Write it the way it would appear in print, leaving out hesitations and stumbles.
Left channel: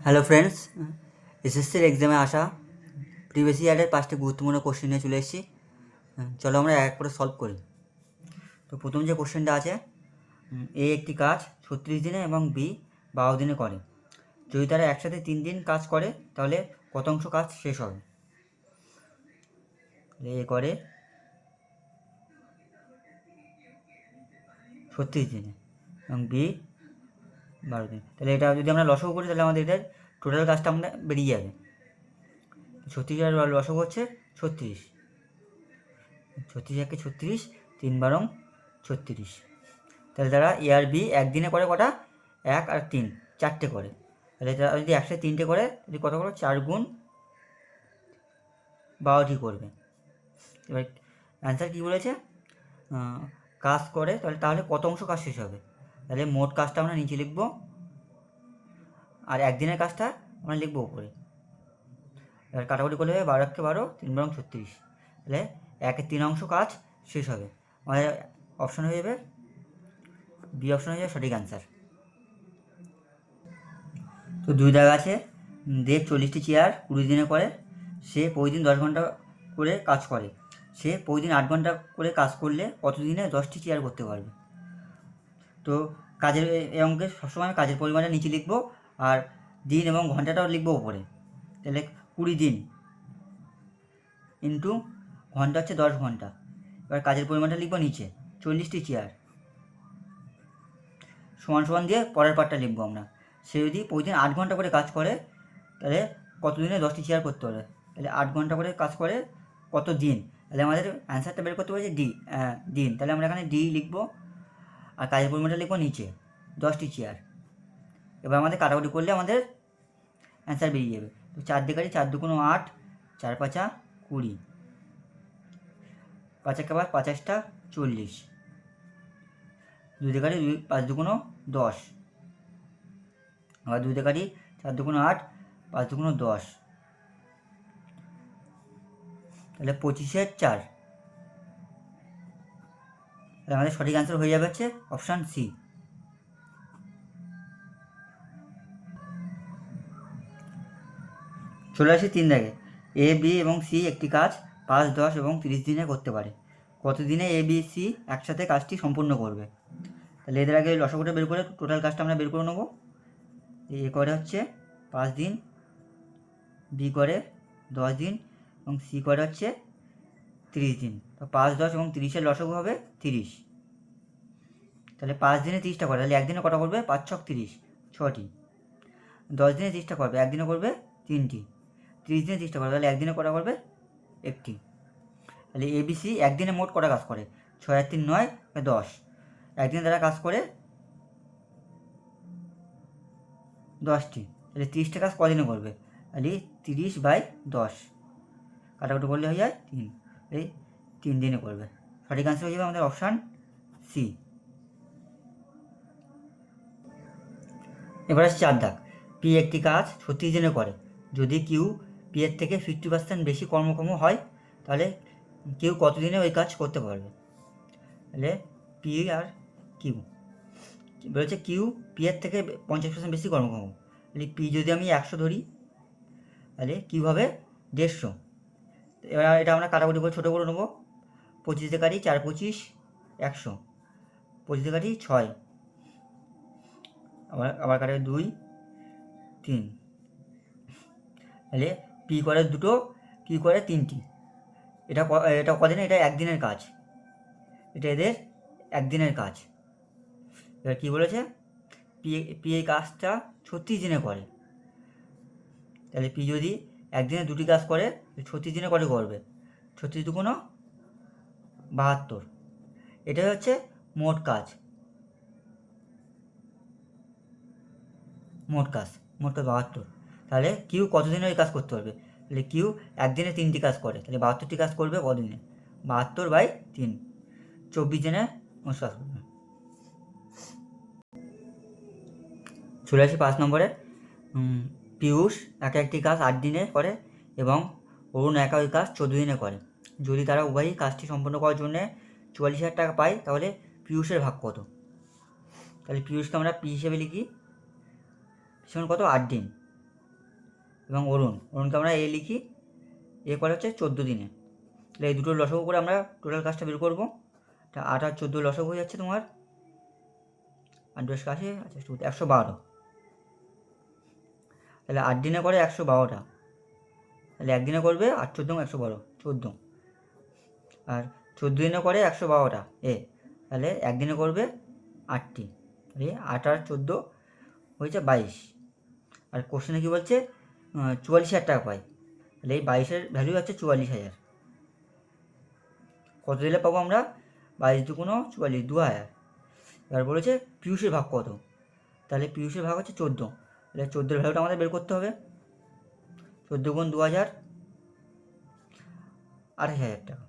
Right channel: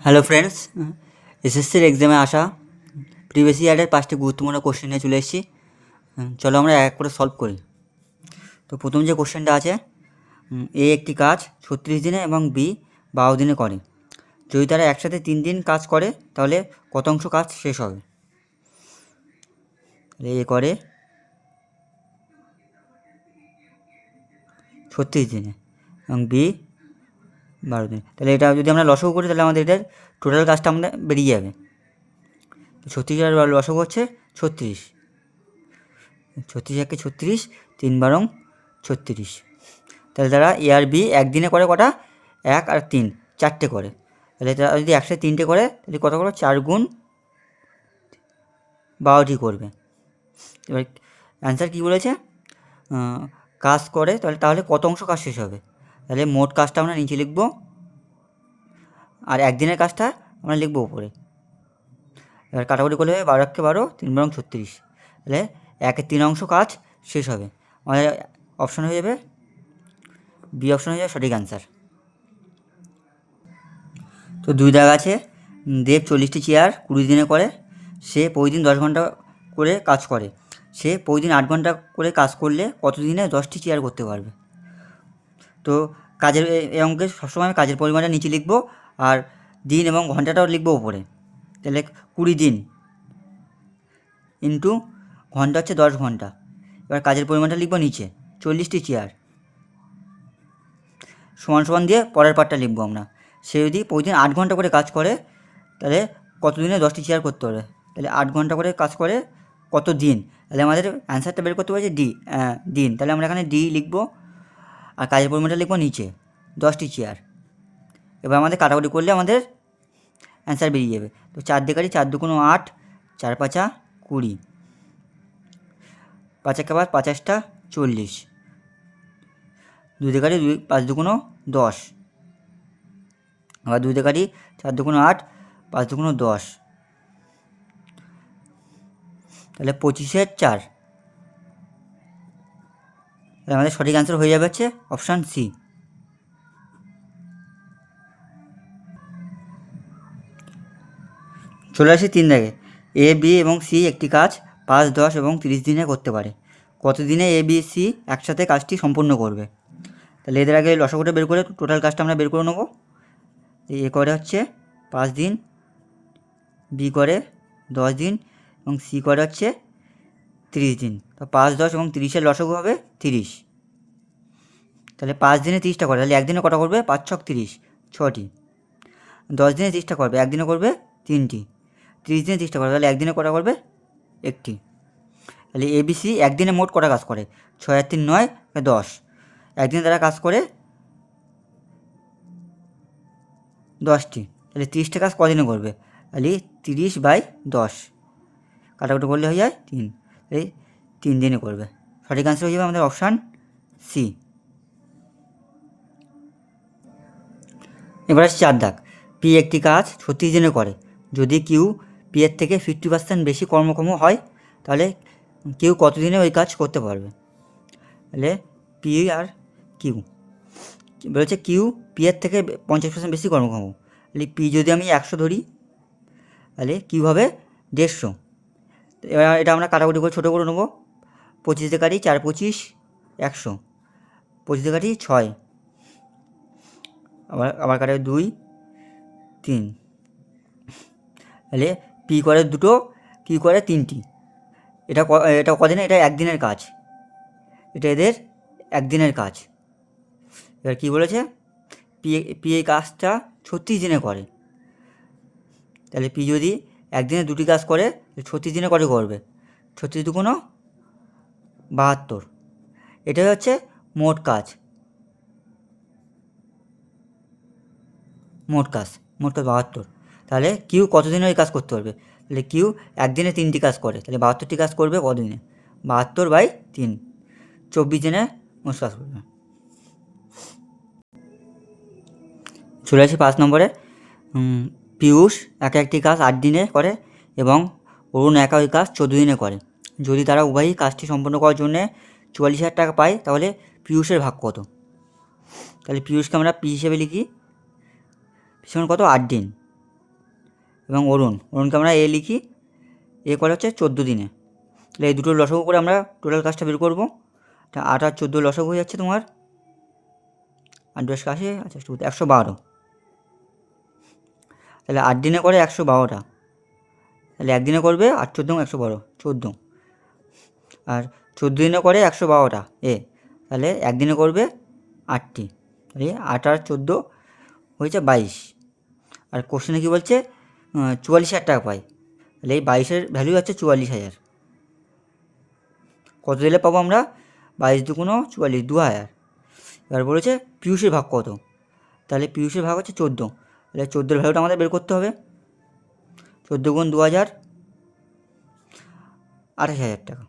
Hello friends, এসএসসির এক্সামে আসা প্রিভিয়াস ইয়ারের 5টি গুরুত্বপূর্ণ কোশ্চেন নিয়ে চলে এসেছি। চলো আমরা এক করে সলভ করি। তো প্রথম যে কোশ্চেনটা আছে, এ একটি কাজ 36 দিনে এবং বি 12 দিনে করে। যদি তারা একসাথে 3 দিন কাজ করে তাহলে কত অংশ কাজ শেষ হবে? এ করে 36 দিনে এবং বি 12 দিনে। তাহলে এটা যদি আমরা লসগু করি তাহলে আমাদের এটার টোটাল কাজটা আমরা বেরিয়ে যাবে। 36 আর লসগু হচ্ছে 36, 36 একে 36, 3 বারং 36। তাহলে তারা এ আর বি একদিনে করে কটা? 1 আর 3, 4টে করে। তাহলে তারা যদি একসাথে 3টে করে তাহলে কত করে? 4 গুণ 12টি করবে। এবার অ্যান্সার কী বলেছে? কাজ করে তাহলে কত অংশ কাজ শেষ হবে? তাহলে মোট কাজটা আমরা নিচে লিখব আর একদিনের কাজটা আমরা লিখব উপরে। এবার কাটাকুটি করলে হবে 12 একে 12, 3 বারং 36। তাহলে 1/3 অংশ কাজ শেষ হবে। আমাদের অপশান হয়ে যাবে বি, অপশান হয়ে যাবে সঠিক অ্যান্সার। তো 2 দাগ আছে, দেব 40টি চেয়ার 20 দিনে করে। সে প্রতিদিন 10 ঘন্টা করে কাজ করে। সে প্রতিদিন 8 ঘন্টা করে কাজ করলে কত দিনে 10টি চেয়ার করতে পারবে? তো কাজের এই অঙ্কে সবসময় কাজের পরিমাণটা নিচে লিখব আর দিন এবং ঘন্টাটাও লিখব উপরে। তাহলে 20 দিন ইন্টু ঘন্টা হচ্ছে 10 ঘন্টা। এবার কাজের পরিমাণটা লিখব নিচে, 40টি চেয়ার সমান সমান দিয়ে পরের পার্টটা লিখব আমরা। সে যদি প্রতিদিন 8 ঘন্টা করে কাজ করে তাহলে কত দিনে 10টি চেয়ার করতে পারবে? তাহলে 8 ঘন্টা করে কাজ করে কত দিন? তাহলে আমাদের অ্যান্সারটা বের করতে পারছে দিন। তাহলে আমরা এখানে ডি লিখব আর কাজের পরিমাণটা লিখব নিচে, 10টি চেয়ার। এবার আমাদের কাটাকুটি করলে আমাদের অ্যান্সার বেরিয়ে যাবে। তো 4 দিয়ে কাটি, 4 দুগুণ 8, 4 পাঁচা 20, 5 একে 5, 5 8টা 40, 2 দিয়ে কাটি 2, 5 দুগুণ 10, আবার 2 দিয়ে কাটি, 4 দুগুণ 8, 5 দুগুণ 10, তাহলে 25-এর 4। তাহলে আমাদের সঠিক অ্যান্সার হয়ে যাবে হচ্ছে অপশান সি। চলে আসি 3 দাগে, এ বি এবং সি একটি কাজ 5, 10 এবং 30 দিনে করতে পারে। কত দিনে এ বি সি একসাথে কাজটি সম্পূর্ণ করবে? তাহলে এদের আগে লসাগুটা বের করে টোটাল কাজটা আমরা বের করে নেব। এ করে হচ্ছে 5 দিন, বি করে 10 দিন এবং সি করে হচ্ছে 30 দিন। তো 5, 10 এবং 30-এর লসাগু হবে 30। তাহলে 5 দিনে 30টা করে, তাহলে একদিনে কটা করবে? 5 ছক 30, 6টি। 10 দিনে 30টা করবে, একদিনে করবে 3টি। 30 দিনে 30টা করবে, তাহলে একদিনে কটা করবে? 1টি। তাহলে এবিসি একদিনে মোট কটা কাজ করে? 6 আর 3 9, 10। একদিনে তারা কাজ করে 10টি। তাহলে 30টা কাজ কদিনে করবে? তাহলে 30/10, কাটাকুটি করলে হয়ে যায় 3। এই 3 দিনে করবে। সঠিক অ্যান্সার হয়ে যাবে আমাদের অপশান সি। এবার আসছে 4 দাগ, পি একটি কাজ 36 দিনে করে। যদি কিউ পি এর থেকে 50% বেশি কর্মক্ষম হয় তাহলে কিউ কত দিনে ওই কাজ করতে পারবে? তাহলে পি আর কিউ বলেছে কিউ পি এর থেকে 50% বেশি কর্মক্ষম। তাহলে পি যদি আমি 100 ধরি তাহলে কিউ হবে 150। এবার এটা আমরা কাটাকুটি করে ছোটো করে নেবো। 25 দিয়ে কাটি, 4 25, 100, 25 দিয়ে কাটি 6, আবার কাটে 2 3। তাহলে পি করে 2টো, কিউ করে 3টি। এটা কদিনে? এটা একদিনের কাজ, এটা এদের একদিনের কাজ। এবার কী বলেছে? পি এই কাজটা 36 দিনে করে। তাহলে পি যদি একদিনে 2টি কাজ করে 36 দিনে করে করবে? 36 দুগুণ 72। এটাই হচ্ছে মোট কাজ। মোট কাজ 72। তাহলে কিউ কতদিনে ওই কাজ করতে পারবে? তাহলে কিউ একদিনে 3টি কাজ করে, তাহলে 72টি কাজ করবে কদিনে? 72/3, 24 দিনে মোট কাজ করবে। চলে আসি 5 নম্বরে, পীয়ূষ একটি কাজ 8 দিনে করে এবং অরুণ ওই কাজ 14 দিনে করে। যদি তারা উভয়ই কাজটি সম্পন্ন করার জন্য 44,000 টাকা পায় তাহলে পীয়ূষের ভাগ কত? তাহলে পীয়ূষকে আমরা পি হিসেবে লিখি, সমান কত? 8 দিন। এবং অরুণকে আমরা এ লিখি, এ করে হচ্ছে 14 দিনে। তাহলে এই দুটোর লসাগু করে আমরা টোটাল কাজটা বের করবো। তা 8 আর 14 লসাগু হয়ে যাচ্ছে তোমার 8 10 80, আচ্ছা 112। তাহলে 8 দিনে করে 112টা, তাহলে একদিনে করবে 8 14 112 14, আর 14 দিনে করে 112টা এ, তাহলে একদিনে করবে 8টি। তাহলে 8 আর 14 হয়েছে 22। আর কোশ্চেনে কী বলছে 44,000 টাকা পাই, তাহলে এই 22-এর ভ্যালু হচ্ছে 44,000। কত দিলে পাবো আমরা? 22 দুগুণ 44, 2000। এবার বলেছে পিউষের ভাগ কত, তাহলে পিউষের ভাগ হচ্ছে 14, তাহলে 14-এর ভ্যালুটা আমাদের বের করতে হবে। 14 গুণ 2000, 28,000 টাকা।